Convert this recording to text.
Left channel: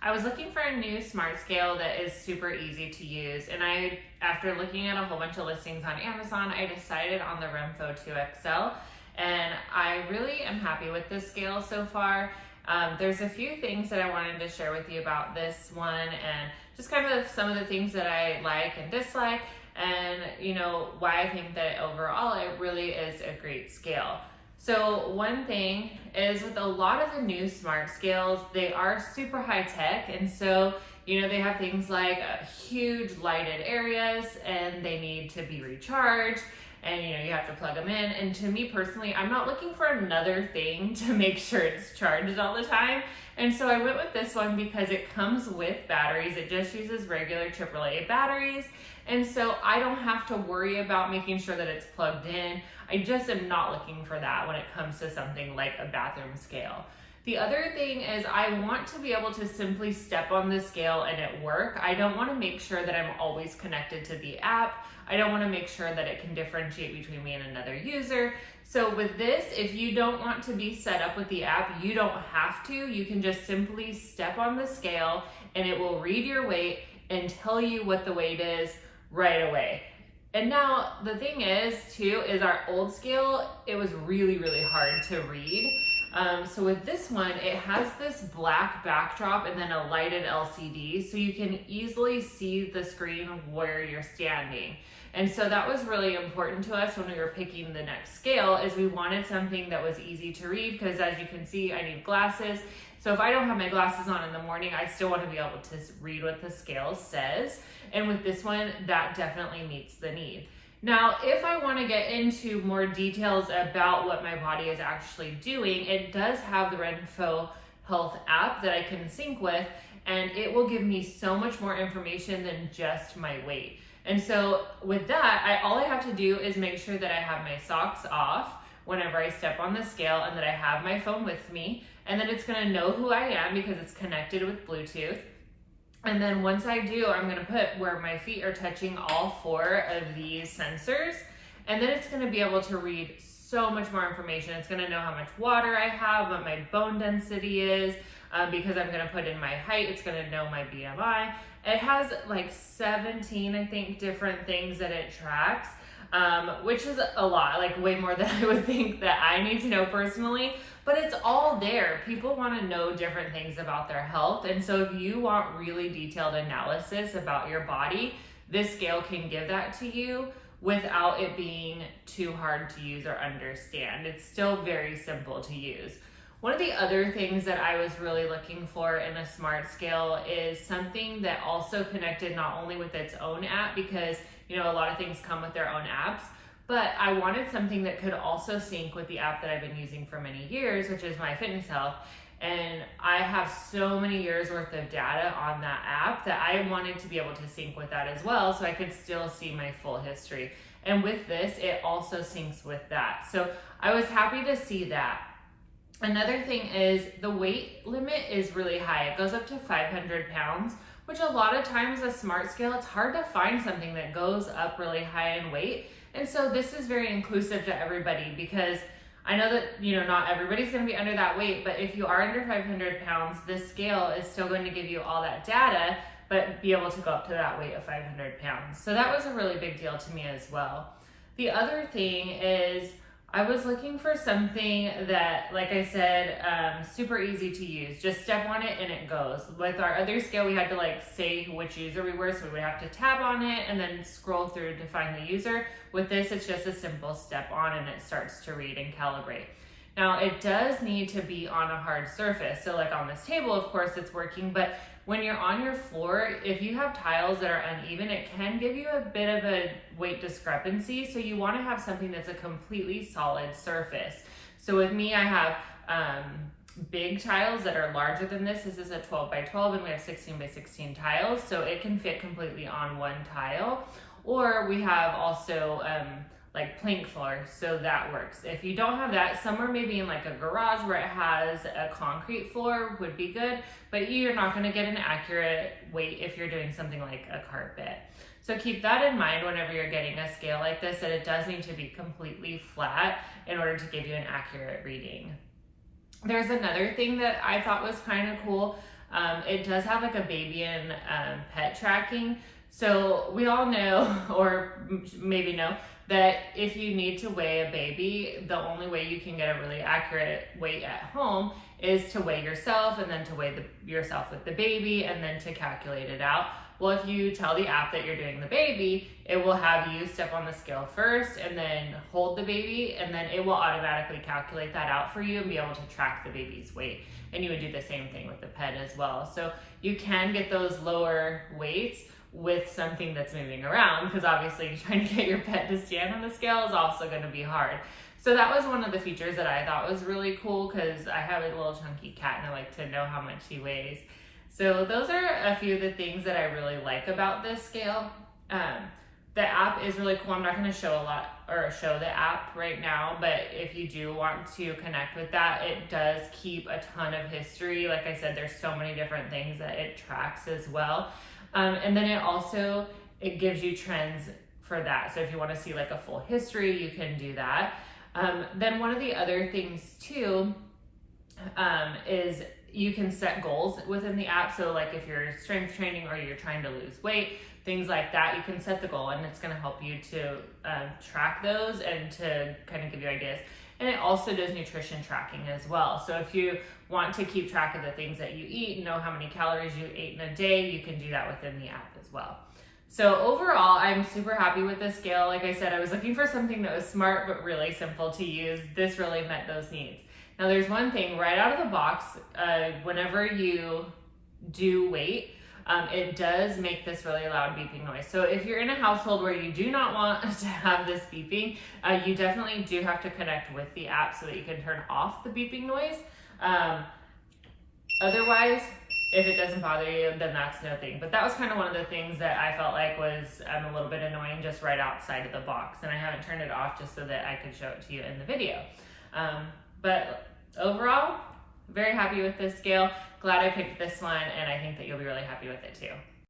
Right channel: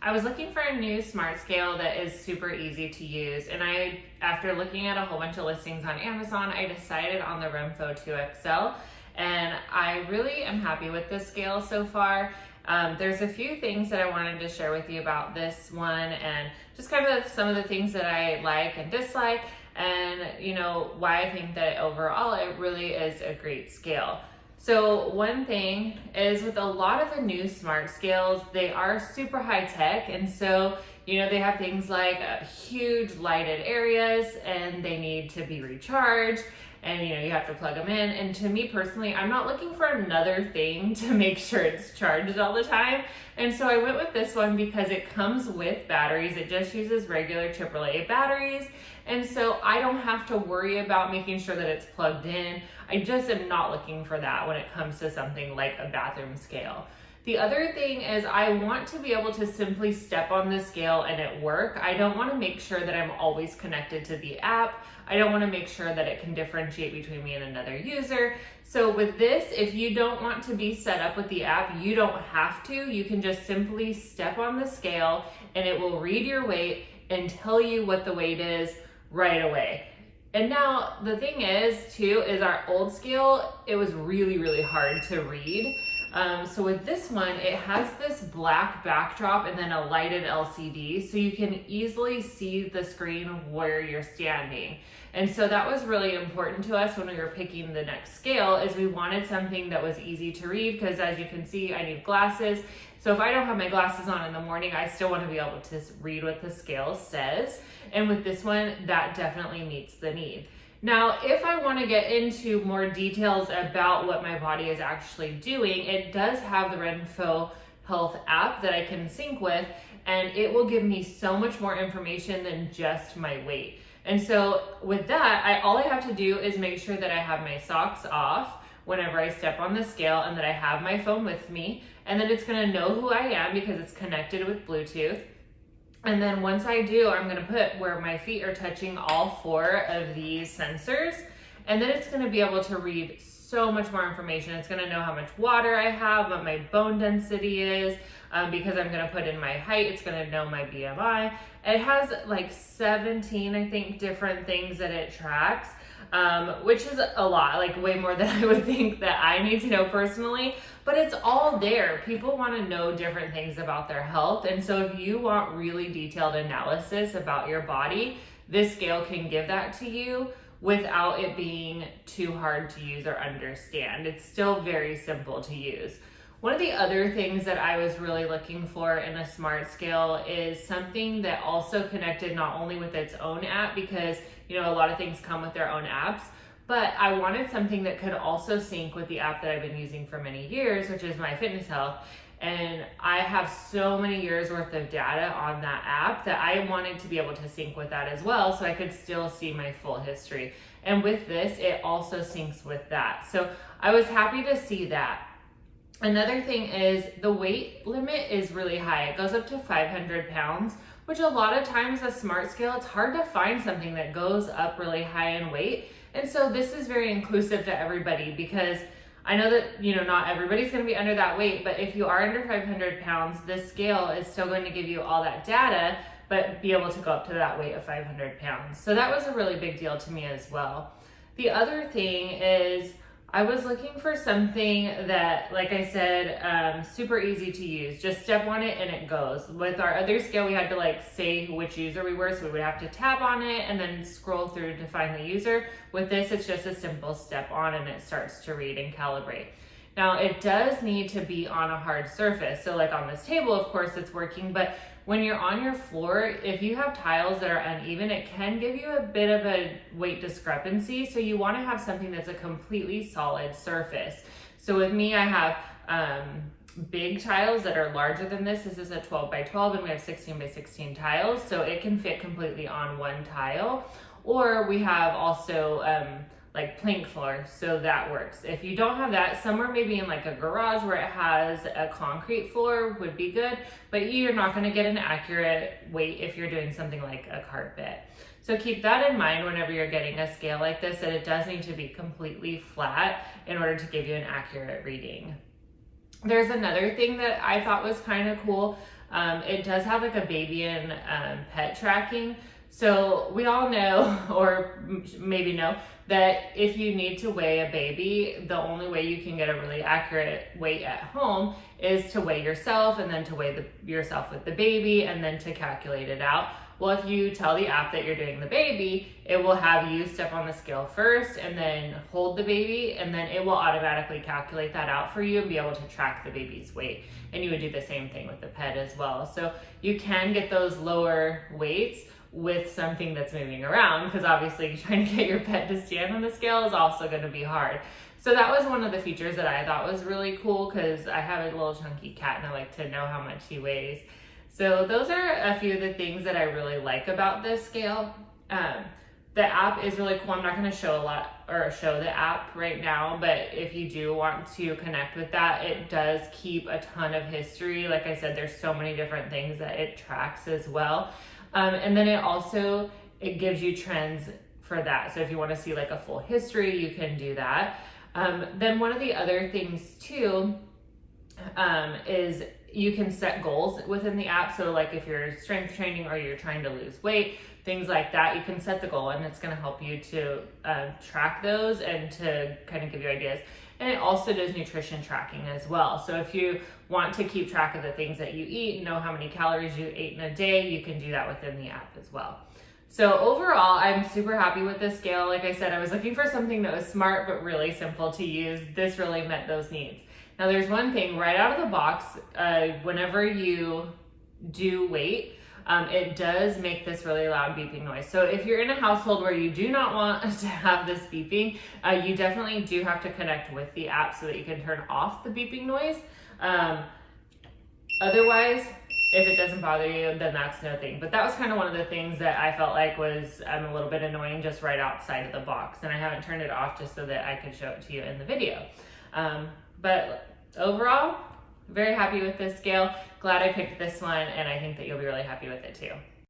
I was looking for a new smart scale that is super easy to use, and after looking at a whole bunch of listings on Amazon, I decided on the RENPHO 2XL, and I really am happy with this scale so far. There's a few things that I wanted to share with you about this one, and just kind of some of the things that I like and dislike, and why I think that overall it really is a great scale. So one thing is, with a lot of the new smart scales, they are super high tech, and so they have things like huge lighted areas, and they need to be recharged, and you have to plug them in. And to me personally, I'm not looking for another thing to make sure it's charged all the time. And so I went with this one because it comes with batteries. It just uses regular AAA batteries. And so I don't have to worry about making sure that it's plugged in. I just am not looking for that when it comes to something like a bathroom scale. The other thing is, I want to be able to simply step on the scale and it work. I don't want to make sure that I'm always connected to the app. I don't want to make sure that it can differentiate between me and another user. So with this, if you don't want to be set up with the app, you don't have to. You can just simply step on the scale and it will read your weight and tell you what the weight is right away. And now the thing is too, is our old scale, it was really, really hard to read. So with this one, it has this black backdrop and then a lighted LCD, so you can easily see the screen where you're standing. And so that was really important to us when we were picking the next scale, is we wanted something that was easy to read, because as you can see, I need glasses. So if I don't have my glasses on in the morning, I still want to be able to read what the scale says. And with this one, that definitely meets the need. Now, if I want to get into more details about what my body is actually doing, it does have the RENPHO Health app that I can sync with, and it will give me so much more information than just my weight. And so with that, all I have to do is make sure that I have my socks off whenever I step on the scale, and that I have my phone with me, and then it's going to know who I am because it's connected with Bluetooth. And then once I do, I'm gonna put where my feet are touching all 4 of these sensors. And then it's gonna be able to read so much more information. It's gonna know how much water I have, what my bone density is, because I'm gonna put in my height. It's gonna know my BMI. It has like 17, I think, different things that it tracks, which is a lot, like way more than I would think that I need to know personally. But it's all there. People want to know different things about their health. And so if you want really detailed analysis about your body, this scale can give that to you without it being too hard to use or understand. It's still very simple to use. One of the other things that I was really looking for in a smart scale is something that also connected not only with its own app, because a lot of things come with their own apps, but I wanted something that could also sync with the app that I've been using for many years, which is MyFitnessHealth. And I have so many years worth of data on that app that I wanted to be able to sync with that as well, so I could still see my full history. And with this, it also syncs with that. So I was happy to see that. Another thing is, the weight limit is really high. It goes up to 500 pounds, which a lot of times a smart scale, it's hard to find something that goes up really high in weight. And so this is very inclusive to everybody, because I know that, not everybody's going to be under that weight, but if you are under 500 pounds, this scale is still going to give you all that data, but be able to go up to that weight of 500 pounds. So that was a really big deal to me as well. The other thing is, I was looking for something that, like I said, super easy to use. Just step on it and it goes. With our other scale, we had to say which user we were, so we would have to tap on it and then scroll through to find the user. With this, it's just a simple step on and it starts to read and calibrate. Now, it does need to be on a hard surface. So like on this table, of course, it's working, but when you're on your floor, if you have tiles that are uneven, it can give you a bit of a weight discrepancy. So you want to have something that's a completely solid surface. So with me, I have big tiles that are larger than this. This is a 12 by 12 and we have 16 by 16 tiles. So it can fit completely on one tile. Or we have also like plank floor, so that works. If you don't have that, somewhere maybe in like a garage where it has a concrete floor would be good, but you're not going to get an accurate weight if you're doing something like a carpet. So keep that in mind whenever you're getting a scale like this, that it does need to be completely flat in order to give you an accurate reading. There's another thing that I thought was kind of cool. It does have like a baby and pet tracking. So we all know, or maybe know, that if you need to weigh a baby, the only way you can get a really accurate weight at home is to weigh yourself, and then to weigh yourself with the baby, and then to calculate it out. Well, if you tell the app that you're doing the baby, it will have you step on the scale first and then hold the baby, and then it will automatically calculate that out for you and be able to track the baby's weight. And you would do the same thing with the pet as well. So you can get those lower weights with something that's moving around, because obviously trying to get your pet to stand on the scale is also going to be hard. So that was one of the features that I thought was really cool, because I have a little chunky cat and I like to know how much he weighs. So those are a few of the things that I really like about this scale. The app is really cool. I'm not going to show the app right now, but if you do want to connect with that, it does keep a ton of history. Like I said, there's so many different things that it tracks as well. And then it gives you trends for that. So if you want to see like a full history, you can do that. Then one of the other things too is you can set goals within the app. So like if you're strength training or you're trying to lose weight, things like that, you can set the goal, and it's going to help you to track those and to kind of give you ideas. And it also does nutrition tracking as well. So if you want to keep track of the things that you eat, know how many calories you ate in a day, you can do that within the app as well. So overall, I'm super happy with this scale. Like I said, I was looking for something that was smart but really simple to use. This really met those needs. Now there's one thing right out of the box, whenever you do weight, it does make this really loud beeping noise. So if you're in a household where you do not want to have this beeping, you definitely do have to connect with the app so that you can turn off the beeping noise. Otherwise, if it doesn't bother you, then that's no thing. But that was kind of one of the things that I felt like was a little bit annoying just right outside of the box. And I haven't turned it off just so that I could show it to you in the video. But overall, very happy with this scale. Glad I picked this one, and I think that you'll be really happy with it too.